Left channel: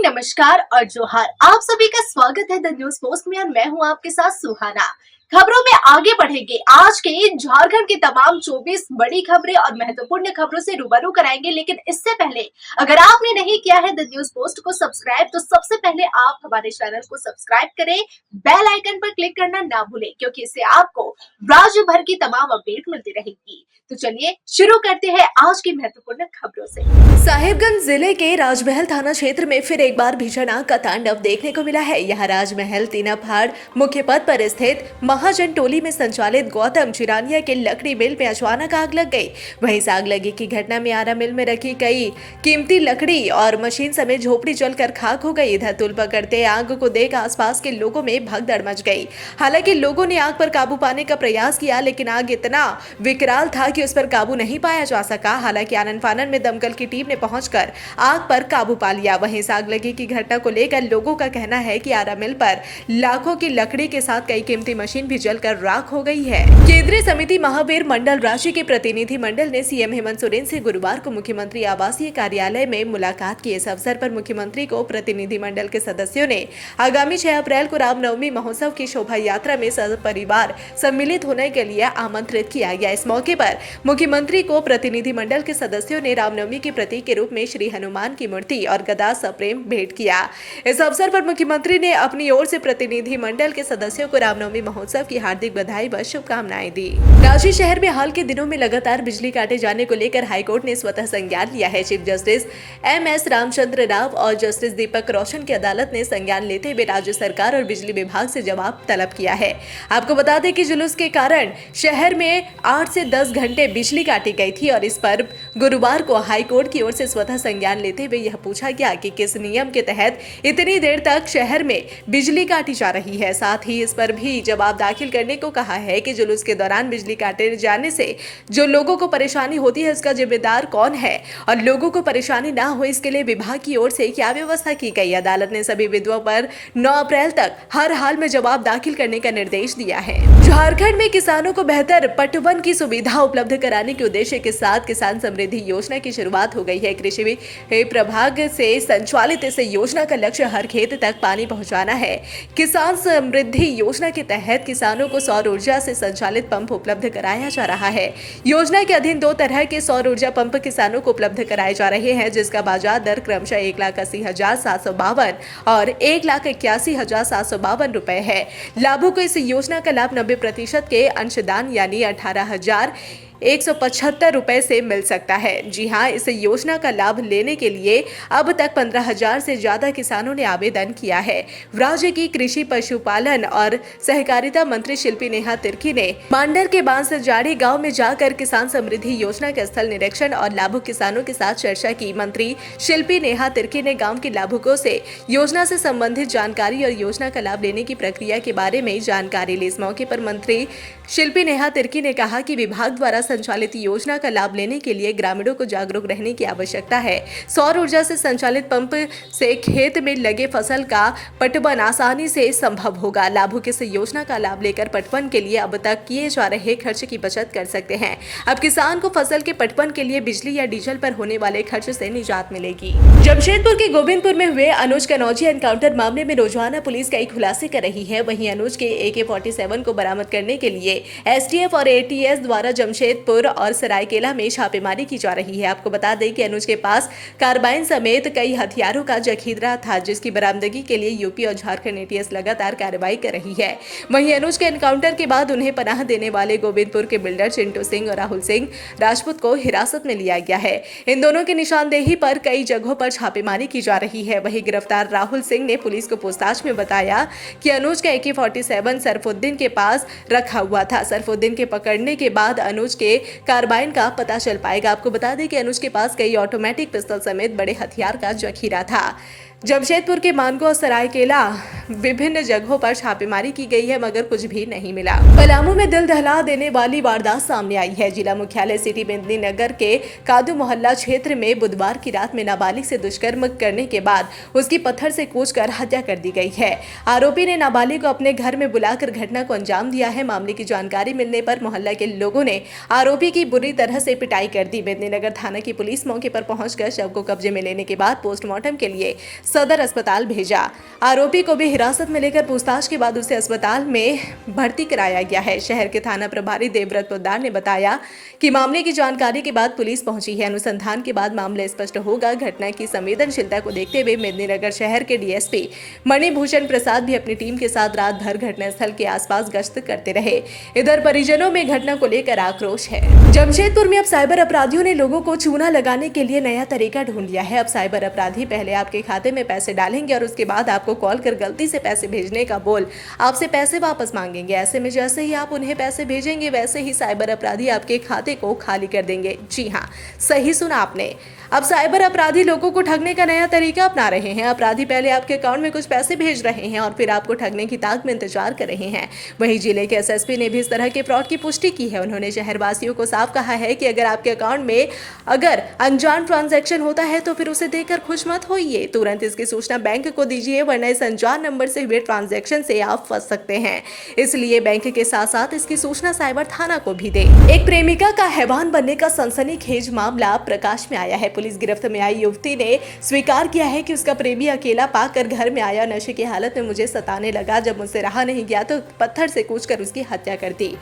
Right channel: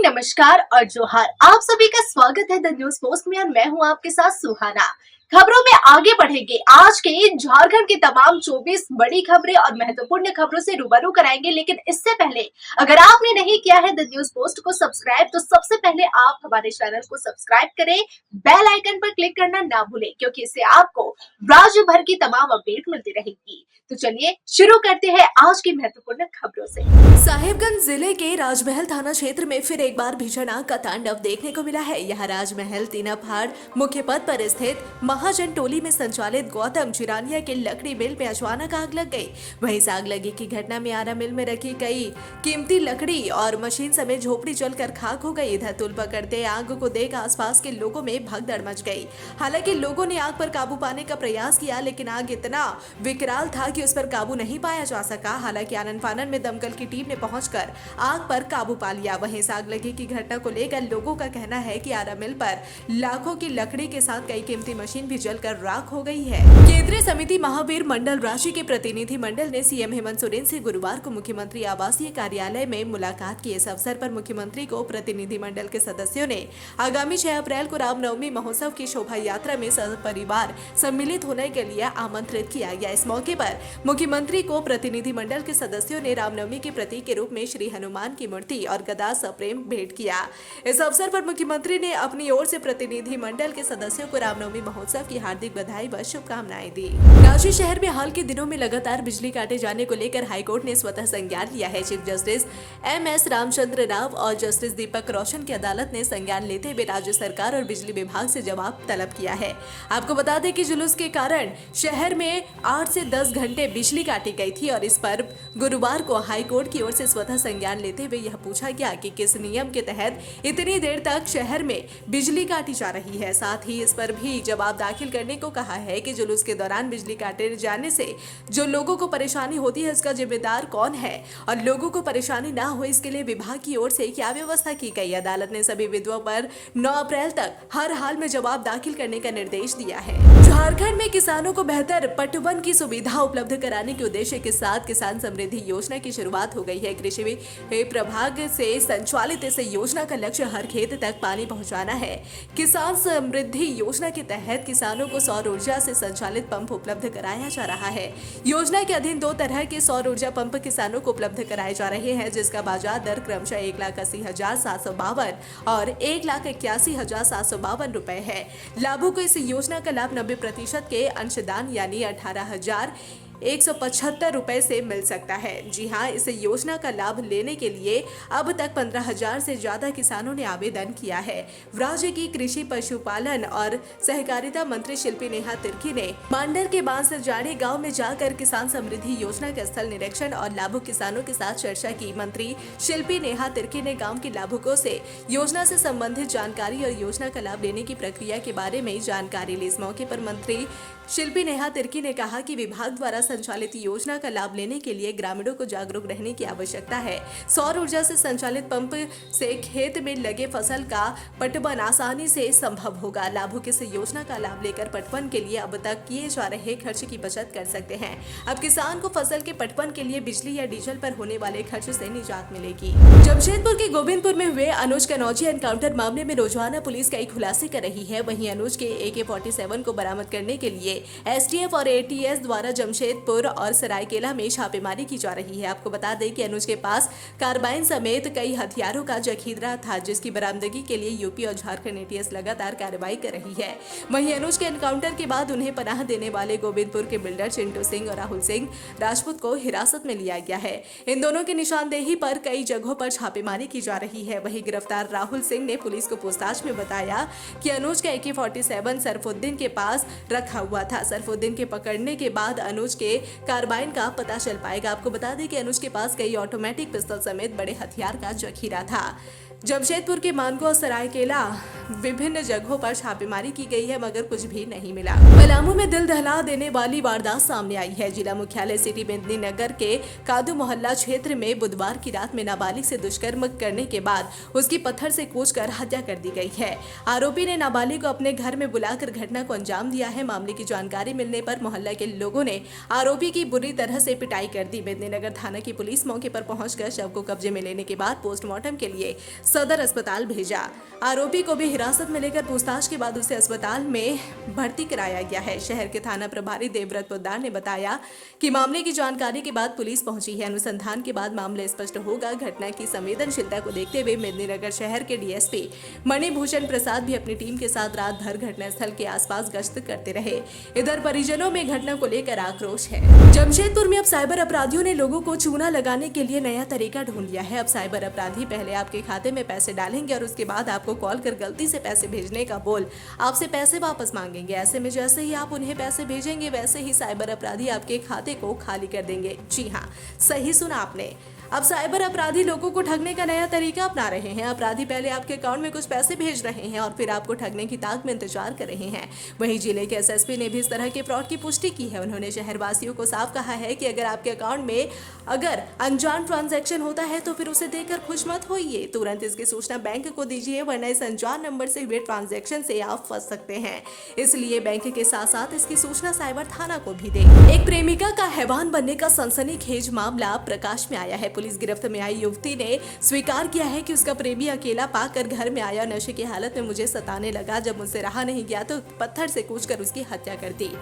Morning, नमस्कार और जोहार। आप सभी का स्वागत है द न्यूज पोस्ट में और मैं हूं आपके साथ सुहाना। खबरों में आगे बढ़ेंगे। आज के झारखंड की तमाम 24 बड़ी खबरें और महत्वपूर्ण खबरों से रूबरू कराएंगे, लेकिन इससे पहले अगर आपने नहीं किया है द न्यूज पोस्ट को सब्सक्राइब, तो सबसे पहले आप हमारे चैनल को सब्सक्राइब करें, बेल आइकन पर क्लिक करना ना भूलें, क्योंकि इससे आपको राज्य भर की तमाम अपडेट मिलती रहेगी। तो चलिए शुरू करते हैं आज की महत्वपूर्ण खबरों से। साहिबगंज जिले के राजमहल थाना क्षेत्र में फिर एक बार भीषण आग का तांडव देखने को मिला है। यहाँ राजमहल तीनाफाड़ मुख्य पथ पर स्थित महाजन टोली में संचालित गौतम चिरानिया के लकड़ी मिल में अचानक आग लग गई। वहीं इस आग लगी की घटना में आरा मिल में रखी कई कीमती लकड़ी और मशीन समेत झोपड़ी जलकर खाक हो गई। इधर तुल पकड़ते आग को देख आसपास के लोगों में भगदड़ मच गई। हालांकि लोगों ने आग पर काबू पाने का प्रयास किया, लेकिन आग इतना विकराल था कि उस पर काबू नहीं पाया जा सका। हालांकि आनन फानन में दमकल की टीम ने पहुंचकर आग पर काबू पा लिया। वहीं आग लगी की घटना को लेकर लोगों का कहना है कि आरा मिल पर लाखों की लकड़ी के साथ कई कीमती मशीन भी जलकर राख हो गई है। केंद्रीय समिति महावीर मंडल राशि के प्रतिनिधि मंडल ने सीएम हेमंत सोरेन से गुरुवार को मुख्यमंत्री आवासीय कार्यालय में मुलाकात की। इस अवसर पर मुख्यमंत्री को प्रतिनिधि मंडल के सदस्यों ने आगामी 6 अप्रैल को रामनवमी महोत्सव की शोभा यात्रा में परिवार सम्मिलित होने के लिए आमंत्रित किया गया। इस मौके पर मुख्यमंत्री को प्रतिनिधि मंडल के सदस्यों ने रामनवमी के प्रतीक के रूप में श्री हनुमान की मूर्ति और गदा सप्रेम भेंट किया। इस अवसर पर मुख्यमंत्री ने अपनी ओर से प्रतिनिधि मंडल के सदस्यों को रामनवमी महोत्सव की हार्दिक बधाई व शुभकामनाएं दी। रांची शहर में हाल के दिनों में लगातार बिजली काटे जाने को लेकर हाईकोर्ट ने स्वतः संज्ञान लिया है। Chief justice MS Ramchandra Rao और जस्टिस दीपक रोशन की अदालत ने संज्ञान लेते हुए राज्य सरकार और बिजली विभाग से जवाब तलब किया है। आपको बता दें कि जुलूस के कारण शहर में 8 से 10 घंटे बिजली काटी गई थी और इस पर गुरुवार को हाईकोर्ट की ओर से स्वतः संज्ञान लेते हुए यह पूछा गया कि किस नियम के तहत इतनी देर तक शहर में बिजली काटी जा रही है। साथ ही इस पर भी जवाब दाखिल करने को कहा है कि जुलूस के दौरान बिजली काटे जाने से जो लोगों को परेशानी होती है इसका जिम्मेदार कौन है और लोगों को परेशानी ना हो इसके लिए विभाग की ओर से क्या व्यवस्था की गई। अदालत ने सभी विधवाओं पर 9 अप्रैल तक हर हाल में जवाब दाखिल करने का निर्देश दिया है। झारखंड में किसानों को बेहतर पटवन की सुविधा उपलब्ध कराने के उद्देश्य के साथ किसान समृद्धि योजना की शुरुआत हो गई है। कृषि प्रभाग से संचालित इस योजना का लक्ष्य हर खेत तक पानी पहुंचाना है। किसान समृद्धि योजना के तहत किसानों को सौर ऊर्जा से संचालित पंप उपलब्ध कराया जा रहा है। योजना के अधीन 2 तरह के सौर ऊर्जा पंप किसानों को उपलब्ध कराए जा रहे हैं, जिसका बाजार दर क्रमशः 1,80,752 और 1,81,752 रुपए है। लाभों को इस योजना का लाभ 90% के अंशदान यानी 18,175 रुपए से मिल सकता है। जी हां, इस योजना का लाभ लेने के लिए अब तक 15,000 से ज्यादा किसानों ने आवेदन किया है। राज्य की कृषि पशुपालन और सहकारिता मंत्री शिल्पी नेहा तिर्की ने मांडर के बांसजाड़ी गांव में जाकर किसान समृद्धि योजना के स्थल निरीक्षण और लाभुक किसानों के साथ चर्चा की। मंत्री शिल्पी नेहा तिर्की ने गांव के लाभुकों से योजना से संबंधित जानकारी और योजना का लाभ लेने की प्रक्रिया के बारे में जानकारी ली। इस मौके पर मंत्री शिल्पी नेहा तिर्की ने कहा कि विभाग द्वारा संचालित योजना का लाभ लेने के लिए ग्रामीणों को जागरूक रहने की आवश्यकता है। सौर ऊर्जा से संचालित पंप से खेत में लगे फसल का पटवन आसानी से संभव होगा। लाभुक इस योजना का लाभ लेकर पटवन के लिए अब तक किए जा रहे खर्च की बचत कर सकते हैं। अब किसान को फसल के पटवन के लिए बिजली या डीजल पर होने वाले खर्च से निजात मिलेगी। जमशेदपुर के गोविंदपुर में हुए अनुज कनौजी एनकाउंटर मामले में रोजाना पुलिस कई खुलासे कर रही है। वहीं अनुज के AK-47 को बरामद करने के लिए STF और ATS द्वारा जमशेदपुर और सरायकेला में छापेमारी की जा रही है। आपको बता दें कि अनुज के पास कार्बाइन समेत कई हथियारों का जखीरा था, जिसकी बरामदगी के लिए यूपी और झारखंड ATS लगातार कार्रवाई कर रही है। वहीं अनुज के एनकाउंटर के बाद उन्हें पनाह देने वाले गोविंदपुर के बिल्डर चिंटू सिंह और राहुल सिंह राजपूत को हिरासत में लिया गया है। इन दोनों की निशानदेही पर कई जगहों पर छापेमारी की जा रही है। वहीं गिरफ्तार राहुल सिंह ने पुलिस को पूछताछ में बताया कि अनुज का AK-47 सरफुद्दीन के पास रखा हुआ था। सरफुद्दीन के पकड़ने के बाद अनुज के कार्बाइन का पता चल पाएगा। आपको बता दें कि अनुज के पास कई ऑटोमेटिक पिस्तौल समेत बड़े हथियार का जखीरा था। जमशेदपुर के मानगो और सरायकेला विभिन्न जगहों पर छापेमारी की गई है मगर कुछ भी नहीं मिला। पलामू में दिल दहला देने वाली वारदात सामने आई है। जिला मुख्यालय सिटी मेदिनीनगर के कादू मोहल्ला क्षेत्र में बुधवार की रात में नाबालिग से दुष्कर्म करने के बाद उसकी पत्थर से कूचकर हत्या कर दी गई है। आरोपी ने नाबालिग को अपने घर में बुलाकर घटना को अंजाम दिया है। मामले की जानकारी मिलने पर मोहल्ला के लोगों ने आरोपी की बुरी तरह से पिटाई कर दी। मेदिनीनगर थाना की पुलिस मौके पर पहुंचकर शव को कब्जे में लेने के बाद पोस्टमार्टम के लिए सदर अस्पताल भेजा। आरोपी को भी हिरासत में लेकर पूछताछ के बाद उसे अस्पताल में भर्ती कराया गया है। शहर के थाना प्रभारी देवव्रत पोद्दार ने बताया कि मामले की जानकारी के बाद पुलिस पहुंची है। अनुसंधान के बाद मामला स्पष्ट होगा। घटना की संवेदनशीलता को देखते हुए मेदिनीनगर शहर के डीएसपी मणिभूषण प्रसाद भी अपनी टीम के साथ रात भर घटनास्थल के आसपास गश्त करते रहे। इधर परिजनों में घटना को लेकर आक्रोश है। जमशेदपुर में अब साइबर अपराधियों ने लोगों को चूना लगाने के लिए नया तरीका ढूंढ लिया है। अब साइबर अपराधी पहले आपके खाते में पैसे डालेंगे और उसके बाद आपको कॉल कर गलती से पैसे भेजने का बोल आपसे पैसे वापस मांगेंगे। ऐसे में जैसे ही आप उन्हें पैसे भेजेंगे वैसे ही साइबर अपराधी आपके खाते को खाली कर देंगे। जी हाँ, सही सुना आपने। अब साइबर अपराधी लोगों को ठगने का नया तरीका अपना रहे हैं। अपराधी पहले आपके अकाउंट में कुछ पैसे भेज रहे हैं और फिर आपको ठगने की ताक में इंतजार कर रहे हैं। वहीं जिले के एसएसपी ने भी इस तरह के फ्रॉड की पुष्टि की है। उन्होंने शहरवासियों को साफ कहा है कि अगर आपके अकाउंट में अगर अनजान ट्रांजैक्शन होता है तो फिर उसे देखकर खुश मत होइए। तुरंत इसकी सूचना बैंक को दीजिए, वरना इस अनजान नंबर से हुए ट्रांजैक्शन से आप फंस सकते हैं। इसलिए बैंक के साथ साथ इसकी सूचना साइबर थाना को भी दे। एक प्रेमिका का हैवान बनने का सनसनीखेज मामला प्रकाश में आया है। पुलिस गिरफ्त में आई युवती ने स्वीकार किया है कि उसका प्रेमी अकेला पाकर घर में आया, नशे की हालत में मुझे सताने लगा। जब मुझसे रहा नहीं गया तो पत्थर से कूचकर उसकी हत्या कर दी।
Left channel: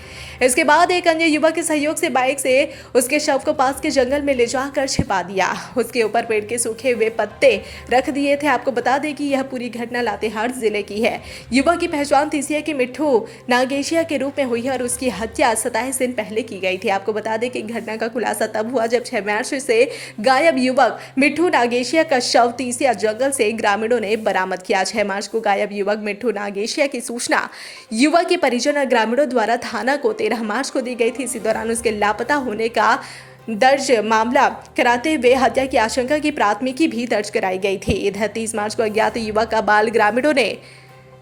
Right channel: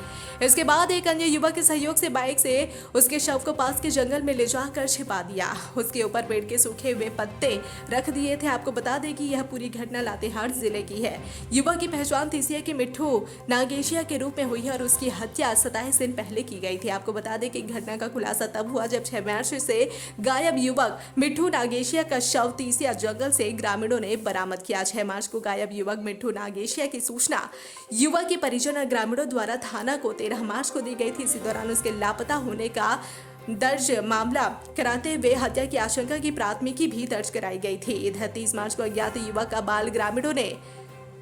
इसके बाद एक अन्य युवक के सहयोग से बाइक से उसके शव को पास के जंगल में ले जाकर छिपा दिया। उसके ऊपर पेड़ के सूखे हुए पत्ते रख दिए थे। आपको बता दें कि यह पूरी घटना लातेहार जिले की है। युवक की पहचान तीसिया के मिट्ठू नागेशिया के रूप में हुई है और उसकी हत्या 27 दिन पहले की गई थी। आपको बता दें कि घटना का खुलासा तब हुआ जब 6 मार्च से गायब युवक मिट्ठू नागेशिया का शव तीसिया जंगल से ग्रामीणों ने बरामद किया। 6 मार्च को गायब युवक मिट्ठू नागेशिया की सूचना युवक के परिजन और ग्रामीणों द्वारा थाना को 13 मार्च को दी गई थी। इसी दौरान उसके लापता होने का दर्ज मामला कराते हुए हत्या की आशंका की प्राथमिकी भी दर्ज कराई गई थी। इधर 30 मार्च को अज्ञात युवक का बाल ग्रामीणों ने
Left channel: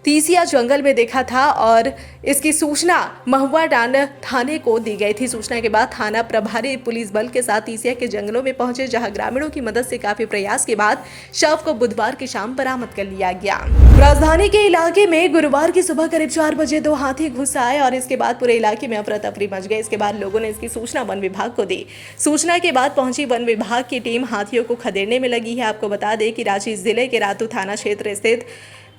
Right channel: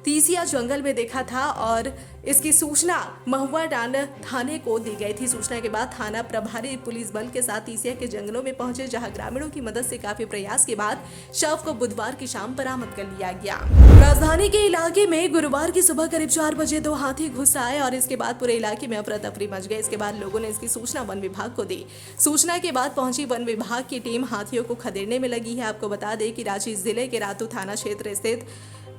तीसिया जंगल में देखा था और इसकी सूचना महुआ डांड थाने को दी गई थी। सूचना के बाद थाना प्रभारी पुलिस बल के साथ तीसिया के जंगलों में पहुंचे, जहां ग्रामीणों की मदद से काफी प्रयास के बाद शव को बुधवार की शाम बरामद कर लिया गया। राजधानी के इलाके में गुरुवार की सुबह करीब 4 बजे 2 हाथी घुस आए और इसके बाद पूरे इलाके में अफरा तफरी मच गई। इसके बाद लोगों ने इसकी सूचना वन विभाग को दी। सूचना के बाद पहुंची वन विभाग की टीम हाथियों को खदेड़ने में लगी है। आपको बता दें कि रांची जिले के रातू थाना क्षेत्र स्थित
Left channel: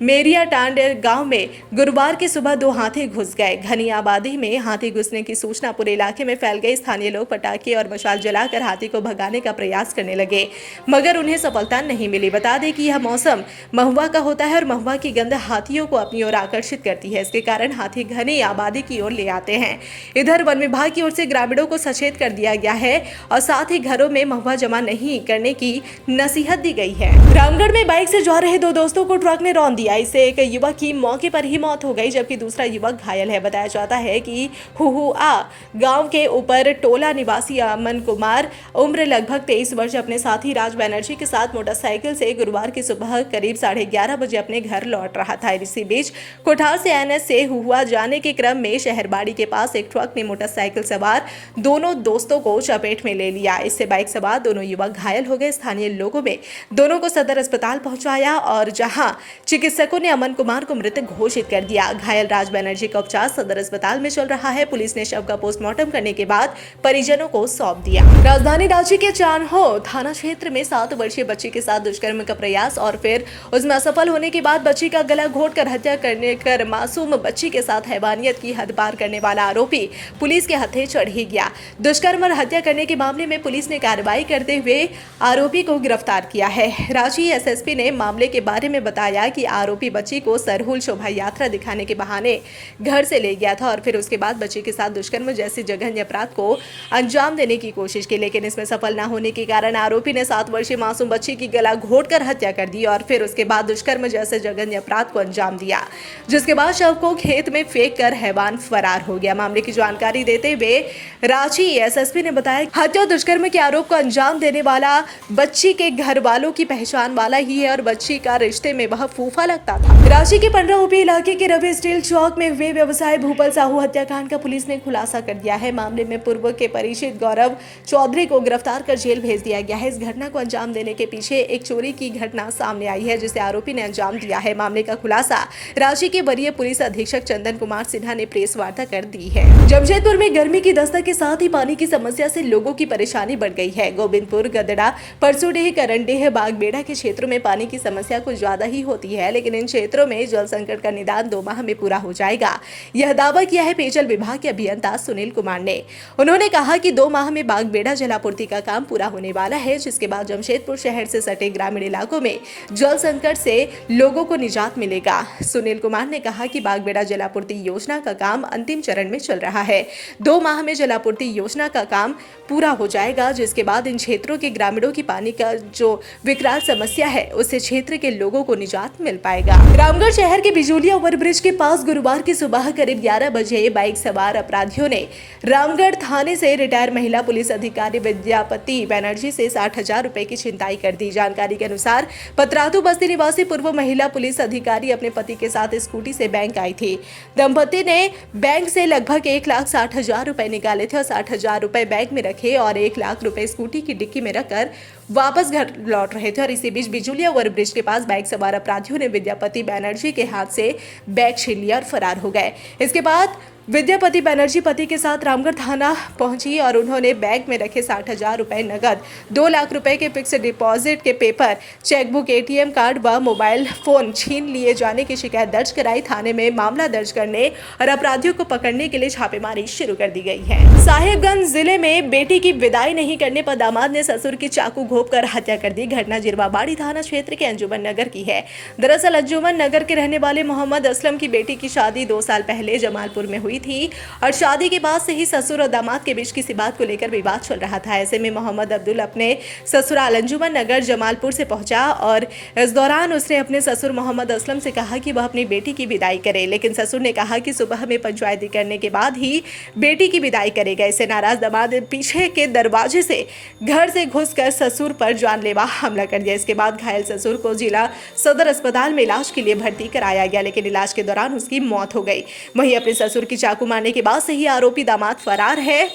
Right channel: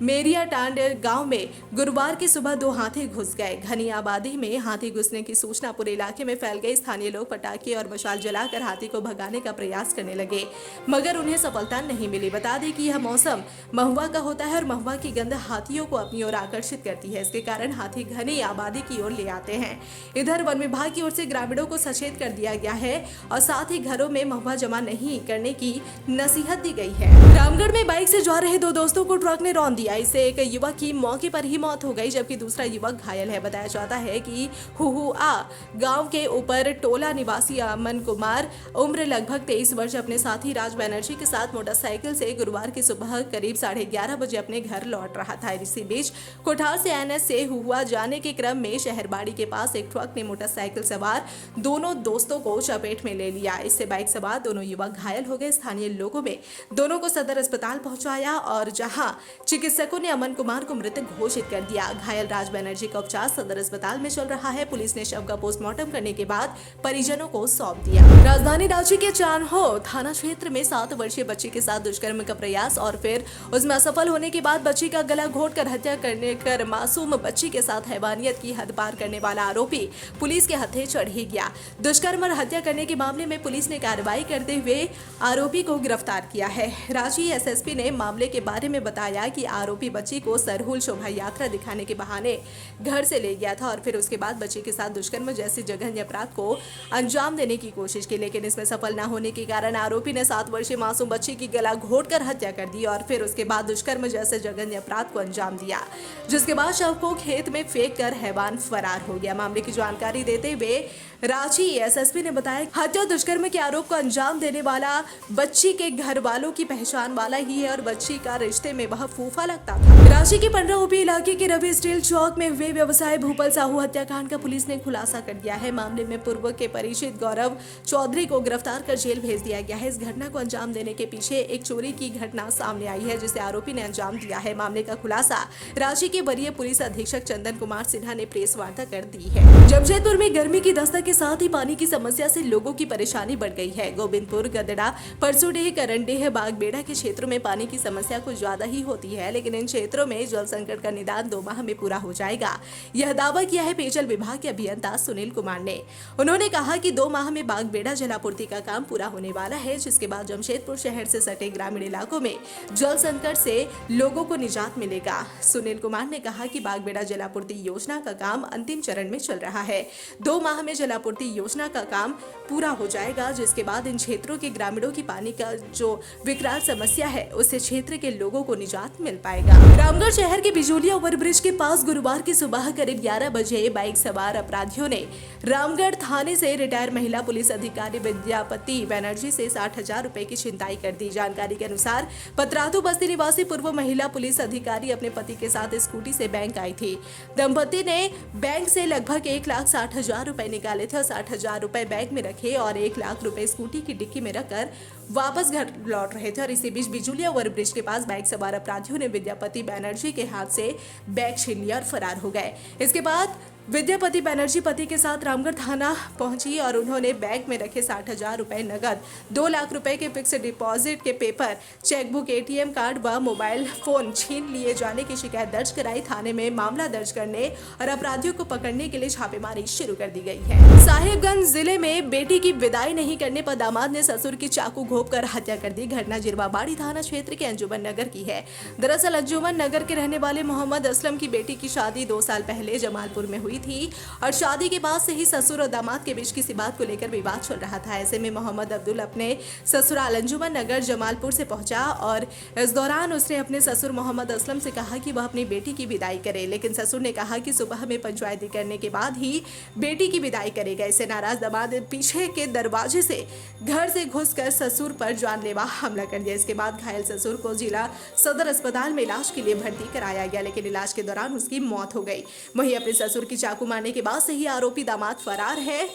मेरिया टांड गांव में गुरुवार की सुबह 2 हाथी घुस गए। घनी आबादी में हाथी घुसने की सूचना पूरे इलाके में फैल गई। स्थानीय लोग पटाखे और मशाल जलाकर हाथी को भगाने का प्रयास करने लगे मगर उन्हें सफलता नहीं मिली। बता दें कि यह मौसम महुआ का होता है और महुआ की गंध हाथियों को अपनी ओर आकर्षित करती है। इसके कारण हाथी घनी आबादी की ओर ले आते हैं। इधर वन विभाग की ओर से ग्रामीणों को सचेत कर दिया गया है और साथ ही घरों में महुआ जमा नहीं करने की नसीहत दी गई है। रामगढ़ में बाइक से जा रहे 2 दोस्तों को ट्रक ने रौंद दिया। इससे एक युवक की मौके पर ही मौत हो गई जबकि दूसरा युवक घायल है। बताया जाता है कि हुहुआ गांव के ऊपर टोला निवासी अमन कुमार उम्र लगभग 23 वर्ष अपने साथी राज बनर्जी के साथ मोटरसाइकिल से गुरुवार की सुबह करीब 11:30 बजे अपने घर लौट रहा था। इसी बीच कोठार से एनएस से हुहुआ जाने के क्रम में शहरबाड़ी के पास एक ट्रक ने मोटरसाइकिल सवार दोनों दोस्तों को चपेट में ले लिया। इससे बाइक सवार दोनों युवक घायल हो गए। स्थानीय लोगों में दोनों को सदर अस्पताल पहुंचाया और जहां चिकित्सकों ने अमन कुमार को मृत घोषित कर दिया। घायल राज बनर्जी का उपचार सदर अस्पताल में चल रहा है। पुलिस ने शव का पोस्टमार्टम करने के बाद परिजनों को सौंप दिया। राजधानी रांची के चान्हो थाना क्षेत्र में 7 वर्षीय बच्ची के साथ दुष्कर्म का प्रयास और फिर उसमें असफल होने के बाद बच्ची का गला घोंटकर हत्या करने कर मासूम बच्ची के साथ हैवानियत की हद पार करने वाला आरोपी पुलिस के हथे चढ़ ही गया। दुष्कर्म और हत्या करने के मामले में पुलिस ने कार्रवाई करते हुए आरोपी को गिरफ्तार किया है। रांची एसएसपी ने मामले के बारे में बताया कि आरोपी बच्ची को सरहुल शोभा यात्रा दिखाने के बहाने घर से ले गया था और फिर उसके बाद बच्ची के साथ दुष्कर्म जैसी जघन्य अपराध को अंजाम देने की कोशिश की, लेकिन इसमें सफल न होने के कारण आरोपी ने 7 वर्षीय मासूम बच्ची की गला घोंटकर हत्या कर दी और फिर उसके बाद दुष्कर्म जैसे जघन्य अपराध को अंजाम दिया, जिसके बाद शव को खेत में फेंक कर हैवान फरार हो गया। मामले की जानकारी देते हुए रांची एसएसपी ने बताया हत्या और दुष्कर्म के आरोप को अंजाम देने वाला बच्ची के घर वालों की पहचान वाला ही है और बच्ची का रिश्ते में वह फूफा लगता था। रांची के पंडरा ओपी इलाके के रवि स्टील चौक में हुए व्यवसाय भूपल साहू हत्याकांड का पुलिस ने खुलासा कर दिया है। मामले में पूर्व के परिचित गौरव चौधरी को गिरफ्तार कर जेल भेज दिया गया है। इस घटना को अंजाम देने के पीछे एक चोरी की घटना सामने आई है, जिसे आरोपी ने अंजाम दिया है। मामले का खुलासा रांची के वरीय पुलिस अधीक्षक चंदन कुमार सिन्हा ने प्रेस वार्ता कर दी है। जमशेदपुर में गर्मी की दस्तक के साथ ही पानी की समस्या से लोगों की परेशानी बढ़ गई है। गोविंदपुर, गदड़ा, परसोडेह, करंडेह, बागबेड़ा के क्षेत्रों में पानी की समस्या कुछ ज्यादा ही होती है, लेकिन इन क्षेत्रों में जल संकट का निदान 2 माह में पूरा हो जाएगा। यह दावा किया है पेयजल विभाग के अभियंता सुनील कुमार ने। उन्होंने कहा कि 2 माह में बागबेड़ा जलापूर्ति का काम पूरा होने वाला है, जिसके बाद जमशेदपुर शहर से सटे ग्रामीण इलाकों में जल संकट से लोगों को निजात मिलेगा। सुनील कुमार ने कहा कि बागबेड़ा जलापूर्ति योजना का काम अंतिम चरण में चल रहा है। 2 माह में जलापूर्ति योजना का काम पूरा हो जाएगा, जिसके बाद इन क्षेत्रों के ग्रामीणों की पानी का जो विकराल समस्या है उससे क्षेत्र के लोगों को निजात मिल पाएगा। रामगढ़ शहर के बिजोलिया ओवरब्रिज के पास गुरुवार की सुबह करीब 11 बजे बाइक सवार अपराधियों ने रामगढ़ थाने से रिटायर्ड महिला पुलिस अधिकारी विद्यापति बनर्जी से 60,000 रुपए की छिनताई कर दी। जानकारी के अनुसार पतरातू बस्ती निवासी पूर्व महिला पुलिस अधिकारी अपने पति के साथ स्कूटी से बैंक आई थी। दंपति ने बैंक से लगभग 1,60,000 रुपए निकाले थे और 60,000 रुपए बैग में रखे और 1 लाख रुपए स्कूटी की डिक्की में रखकर वापस घर लौट रहे थे। और इसी बीच बिजुलिया ओवरब्रिज के पास बाइक सवार अपराधियों ने विद्यापति बनर्जी के हाथ से बैग छीन लिया और फरार हो गए। इसके बाद विद्यापति बनर्जी पति के साथ रामगढ़ थाना पहुंची और उन्होंने बैग में रखे 60,000 रुपए नगद, 2 लाख रुपए के फिक्स डिपॉजिट के पेपर, चेकबुक, एटीएम कार्ड व मोबाइल फोन छीन लिए जाने की शिकायत दर्ज कराई। थाने में मामला दर्ज करने और अपराधियों को पकड़ने के लिए छापेमारी शुरू कर दी गई है। साहिबगंज जिले में बेटी की विदाई नहीं करने पर दामाद ने ससुर की चाकू घोंपकर हत्या कर दी। घटना जिरवाबाड़ी थाना क्षेत्र के अंजुमन नगर की है। दरअसल अंजुमन नगर के रहने वाले मोहम्मद असलम की बेटी की शादी 2 साल पहले जमालपुर में हुई थी और शादी के बाद से ही ससुर और दामाद के बीच किसी बात को लेकर विवाद चल रहा था। ऐसे में मोहम्मद अब्दुल अपने ससुराल अंजुमन नगर जमालपुर से पहुंचा और इस दौरान उसने अपने ससुर मोहम्मद असलम से कहा कि वह अपनी बेटी की विदाई करे, लेकिन ससुर ने कहा कि सुबह में पंचायती करने के बाद ही बेटी की विदाई करेगा। इससे नाराज दामाद पीछे के दरवाजे से घर से घुसकर ससुर पर जानलेवा हमला कर दिया। इसके बाद घायल ससुर को जिला सदर अस्पताल में इलाज के लिए भर्ती कराया गया, लेकिन इलाज के दौरान उसकी मौत हो गई। वहीं अपने ससुर की चाकू मारने के बाद से ही आरोपी दामाद फरार है।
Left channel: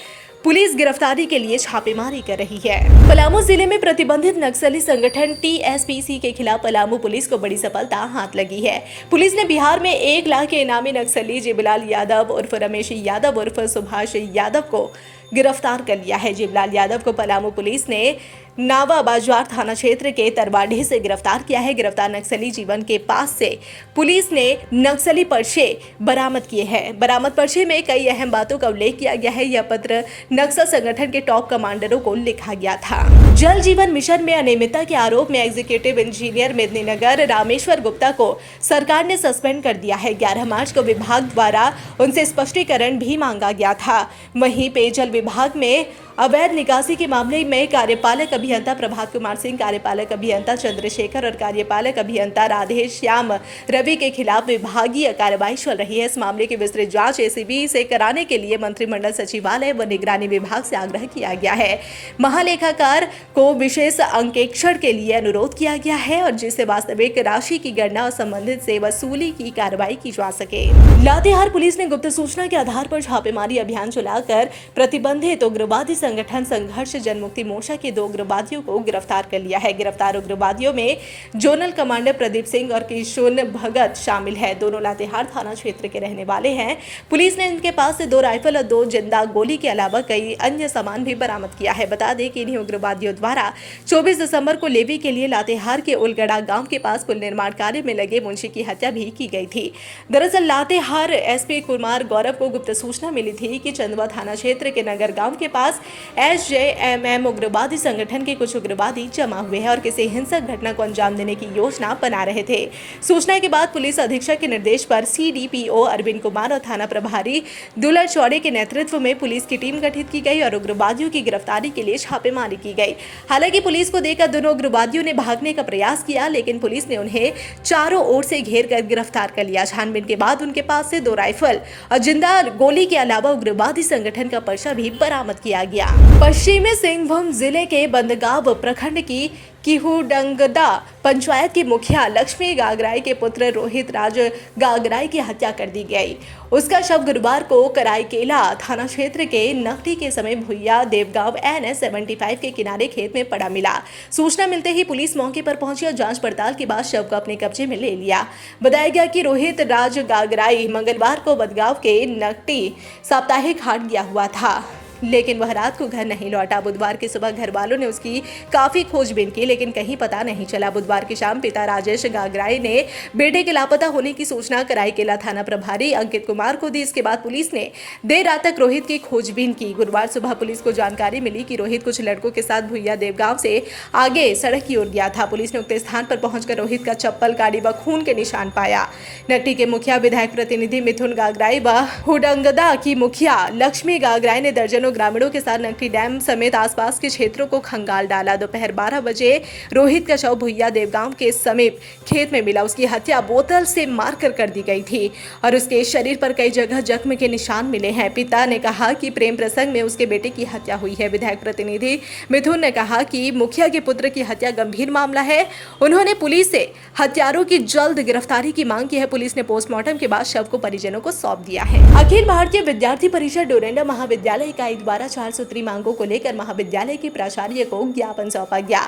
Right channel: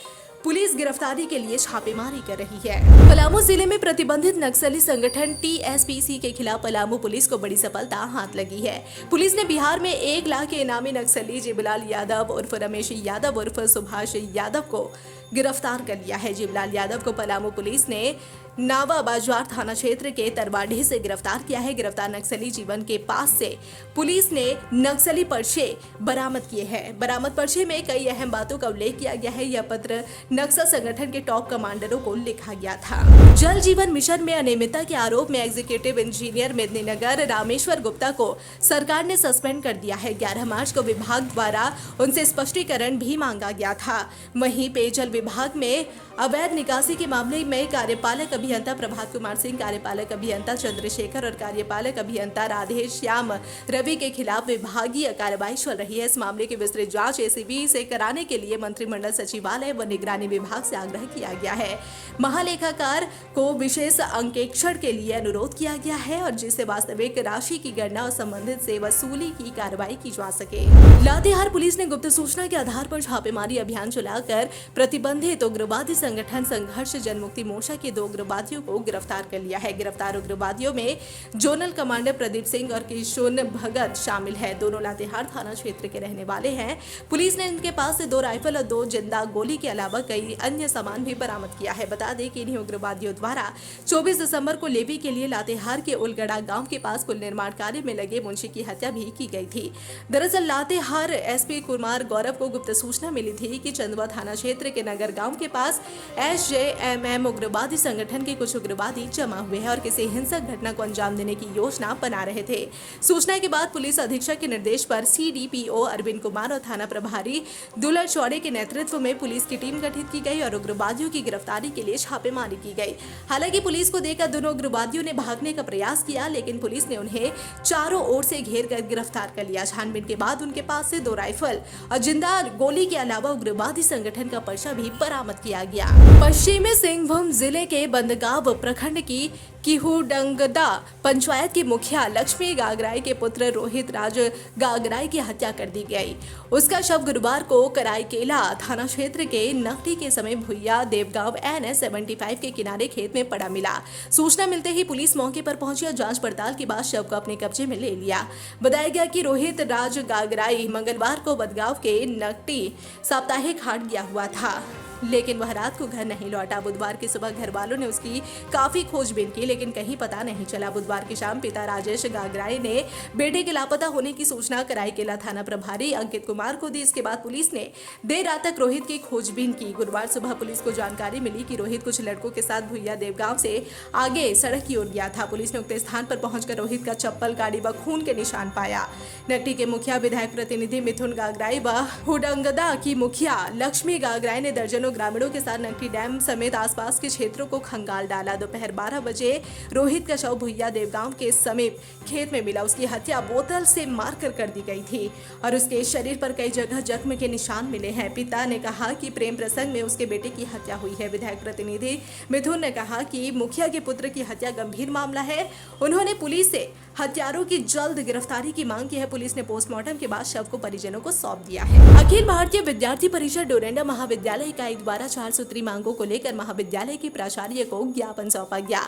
पुलिस गिरफ्तारी के लिए छापेमारी कर रही है। पलामू जिले में प्रतिबंधित नक्सली संगठन टीएसपीसी के खिलाफ पलामू पुलिस को बड़ी सफलता हाथ लगी है। पुलिस ने बिहार में 1 लाख के इनामी नक्सली जिबलाल यादव उर्फ रमेश यादव उर्फ सुभाष यादव को गिरफ्तार कर लिया है। जिबलाल यादव को पलामू पुलिस ने नावा बाजार थाना क्षेत्र के तरवाडीह से गिरफ्तार किया है। गिरफ्तार नक्सली जीवन के पास से पुलिस ने नक्सली पर्चे बरामद किए हैं। बरामद पर्चे में कई अहम बातों का उल्लेख किया गया है। यह पत्र नक्सल संगठन के टॉप कमांडरों को लिखा गया था। जल जीवन मिशन में अनियमितता के आरोप में एग्जीक्यूटिव इंजीनियर मेदिनीनगर रामेश्वर गुप्ता को सरकार ने सस्पेंड कर दिया है। 11 मार्च को विभाग द्वारा उनसे स्पष्टीकरण भी मांगा गया था। वहीं पेयजल विभाग में अवैध निकासी के मामले में कार्यपालक अभियंता प्रभात कुमार सिंह, कार्यपालक अभियंता चंद्रशेखर और कार्यपालक अभियंता राधेश्याम रवि के खिलाफ विभागीय कार्रवाई चल रही है। इस मामले की विस्तृत जांच एसीबी से कराने के लिए मंत्रिमंडल सचिवालय व निगरानी विभाग से आग्रह किया गया है। महालेखाकार को विशेष अंकेक्षण के लिए अनुरोध किया गया है और जिससे वास्तविक राशि की गणना और संबंधित से वसूली की कार्रवाई की जा सके। लातेहार पुलिस ने गुप्त सूचना के आधार पर छापेमारी अभियान चलाकर प्रतिबंधित उग्रवादी संगठन संघर्ष जनमुक्ति मोर्चा के 2 उग्रवादियों को गिरफ्तार कर लिया है। गिरफ्तार उग्रवादियों में जोनल कमांडर प्रदीप सिंह और किशोर भगत शामिल है। दोनों लातेहार थाना क्षेत्र के रहने वाले हैं। पुलिस ने इनके पास से 2 राइफल और 2 जिंदा गोली के अलावा कई अन्य सामान भी बरामद किया है। बता दें कि इन्हीं उग्रवादियों द्वारा 24 दिसंबर को लेवी के लिए लातेहार के उलगड़ा गांव के पास पुल निर्माण कार्य में लगे मुंशी की हत्या भी की गई थी। दरअसल लातेहार एसपी कुमार गौरव को गुप्त सूचना मिली थी कि चंदवा थाना क्षेत्र के नगर गांव के पास SJMM उग्रवादी संगठन के कुछ उग्रवादी जमा हुए हैं और किसी हिंसक घटना को अंजाम देने की योजना बना रहे थे। सूचना के बाद पुलिस अधीक्षक के निर्देश पर CDPO अरविंद कुमार और थाना प्रभारी दुलर चौड़े के नेतृत्व में पुलिस की टीम गठित की गई और उग्रवादियों की गिरफ्तारी के लिए छापेमारी की गई। हालांकि पुलिस को देखकर दोनों उग्रवादियों ने भागने का प्रयास किया, लेकिन पुलिस ने उन्हें चारों ओर से घेर कर गिरफ्तार कर लिया। छानबीन के बाद उनके पास से 2 राइफल और जिंदा गोली के अलावा उग्रवादी संगठन का पर्चा भी बरामद किया गया। दिया। पश्चिमी सिंहभूम जिले के बंदगांव प्रखंड की किहुडंगदा पंचायत की मुखिया लक्ष्मी गागराई के पुत्र रोहित राज गागराई की हत्या कर दी गई। उसका शव गुरुवार को कराईकेला थाना क्षेत्र के नकटी के समय भुइया देवगांव NS 75 के किनारे खेत में पड़ा मिला। सूचना मिलते ही पुलिस मौके पर पहुंची और जांच पड़ताल के बाद शव को अपने कब्जे में ले लिया। बताया गया कि रोहित राज गागराई मंगलवार को बदगांव के नकटी साप्ताहिक हाट गया हुआ था, लेकिन वह रात को घर नहीं लौटा। बुधवार की सुबह घर वालों ने उसकी काफी खोजबीन की, लेकिन कहीं पता नहीं चला। बुधवार की शाम पिता राजेश गागराई ने बेटे के लापता होने की सूचना कराईकेला थाना प्रभारी अंकित कुमार को दी। इसके बाद पुलिस ने देर रात तक रोहित की खोजबीन की। गुरुवार सुबह पुलिस को जानकारी मिली कि रोहित कुछ लड़कों के साथ भुइया देवगांव से आगे सड़क की ओर गया था। पुलिस ने उक्त स्थान पर पहुंचकर रोहित का चप्पल, गाड़ी व खून के निशान पाया। नकटी के मुखिया विधायक प्रतिनिधि मिथुन गागराई व हुडंगदा की मुखिया लक्ष्मी गागराई ने दर्जनों ग्रामीणों के साथ नकटी डैम समेत आसपास के क्षेत्रों को खंगाल डाला। दोपहर 12 बजे रोहित का शव भुइया देवगांव के समीप खेत में मिला। उसकी हत्या बोतल से मारकर कर दी गई थी और उसके शरीर पर कई जगह जख्म के निशान मिले हैं। पिता ने कहा कि प्रेम प्रसंग में उसके बेटे की हत्या हुई है। विधायक प्रतिनिधि मिथुन ने कहा कि मुखिया के पुत्र की हत्या गंभीर मामला है। उन्होंने पुलिस से हत्यारों की जल्द गिरफ्तारी की मांग की है। पुलिस ने पोस्टमार्टम के बाद शव को परिजनों को सौंप दिया है। अखिल भारतीय विद्यार्थी परिषद डोरंडा महाविद्यालय इकाई द्वारा 4 सूत्री मांगों को लेकर महाविद्यालय के प्राचार्य को ज्ञापन सौंपा गया।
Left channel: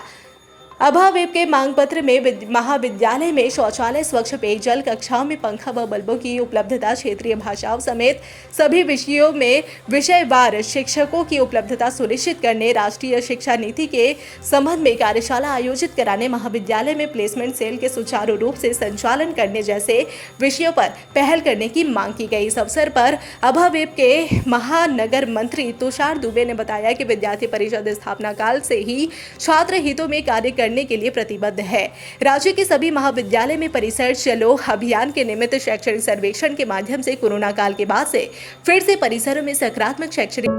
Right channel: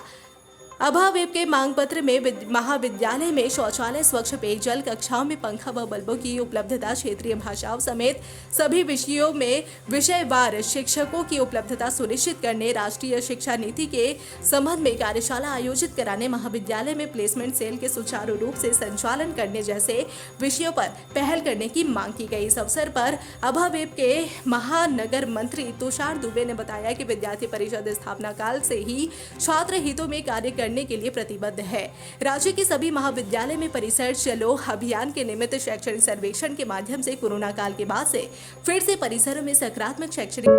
अभावेप के मांग पत्र में महाविद्यालय में शौचालय, स्वच्छ पेयजल, कक्षाओं में पंखा व बल्बों की उपलब्धता, क्षेत्रीय भाषाओं समेत सभी विषयों में विषयवार शिक्षकों की उपलब्धता सुनिश्चित करने, राष्ट्रीय शिक्षा नीति के संबंध में कार्यशाला आयोजित कराने, महाविद्यालय में प्लेसमेंट सेल के सुचारू रूप से संचालन करने जैसे विषयों पर पहल करने की मांग की गई। इस अवसर पर अभावेप के महानगर मंत्री तुषार दुबे ने बताया कि विद्यार्थी परिषद स्थापना काल से ही छात्र हितों में कार्य करने के लिए प्रतिबद्ध है। राज्य के सभी महाविद्यालय में परिसर चलो अभियान के निमित्त शैक्षणिक सर्वेक्षण के माध्यम से कोरोना काल के बाद से फिर से परिसरों में सकारात्मक शैक्षणिक